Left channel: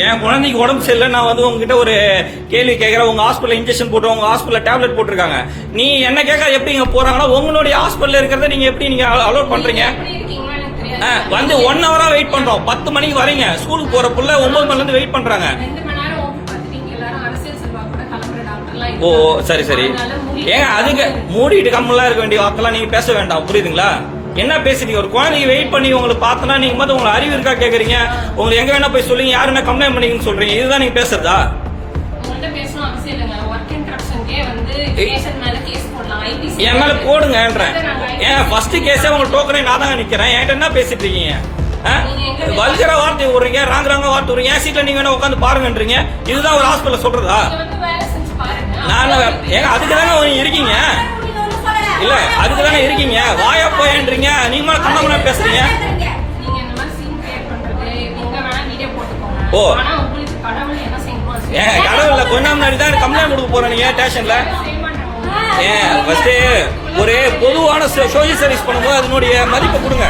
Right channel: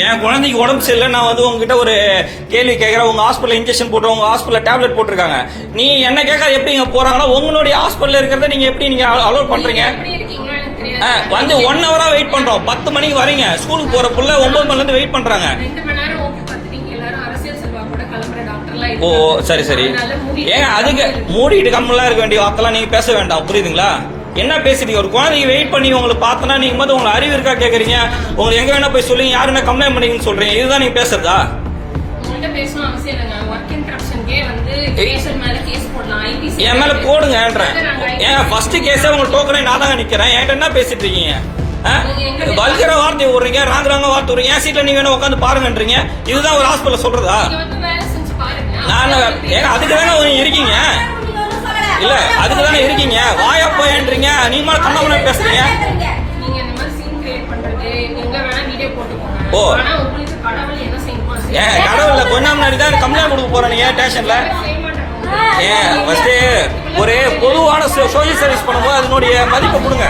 என் குழந்தைக்கு உடம்பு சரியில்லை, நான் வந்து உங்ககிட்ட ஒரு கேள்வி கேட்கறேன். உங்க ஹாஸ்பிட்டல் இன்ஜெக்ஷன் போட்டு உங்க ஹாஸ்பிட்டல் டேப்லெட் போட்டிருக்காங்க. நீ என்ன கேட்க எப்படி இங்க போறாங்கன்னா உங்களுடைய ஹாஸ்பிட்டல் இருக்கிறத நீங்க எப்படி நீங்க அலோட் பண்றீங்க? வந்து 1 ஹவரா வெயிட் பண்றோம். 10 மணிக்கு வரீங்க, ஸ்கூலுக்கு போற புள்ள 9 மணில இருந்து வெயிட் பண்றாங்க. ஓ சரி சரி, ஏங்க அதுக்கு மூடிட்டு கம்மெல்லாம் இருக்க வேண்டிய வார்த்தைலாம் நீங்க பேச வேண்டாம், புரியுதுங்களா? என்ன பேசுறீங்க? ஒரு குழந்தைக்கு வெயிட் பண்ணி உங்களுக்கு பார்த்தனா நீங்க மட்டும் உங்களுக்கு அறிவு இருக்கா கேக்குறீங்க? உங்களுக்கு எங்க வேணா போய் சொல்லுங்க, யாரு என்ன கம்ப்ளைண்ட் பண்ணீங்கன்னு சொல்றீங்க. இதுதான் நீங்க பேசுறதா? என் மேல போடுங்கன்றேன். ஏன் ஃபர்ஸ்ட் கேஸே உங்க டோக்கனே நான் தான் நிக்கிறேன். என்கிட்ட என்ன பேசிட்டு இருக்கீங்க? வல்கர வார்த்தை விடுறீங்க, ராங்க வார்த்தை விடுறீங்க. என் சீட்ல நீங்க வேணா உட்காந்து பாருங்கன்றீங்க. இதுதான் ஒரு ஹாஸ்பிட்டல் சொல்றதா? நான் ஏங்க அதுக்கு தானே இருக்கீங்க? இல்ல அதுக்கு தானே இருக்கீங்க. வாயா போயிருன்றீங்க, நீமா கண்ணமன பேசுறீங்க. ஓ ஏன் கடவுள்ல கொஞ்ச முன்னாடி தான் கம்ப்ளைண்ட் கொடுக்க போறேன் நீங்க ஸ்டேஷன்ல. ஃபர்ஸ்ட் ஒரு பொதுவான சோசியல் சர்வீஸ் பண்ணும்போது அதனுடைய மதிப்பை கொடுங்க.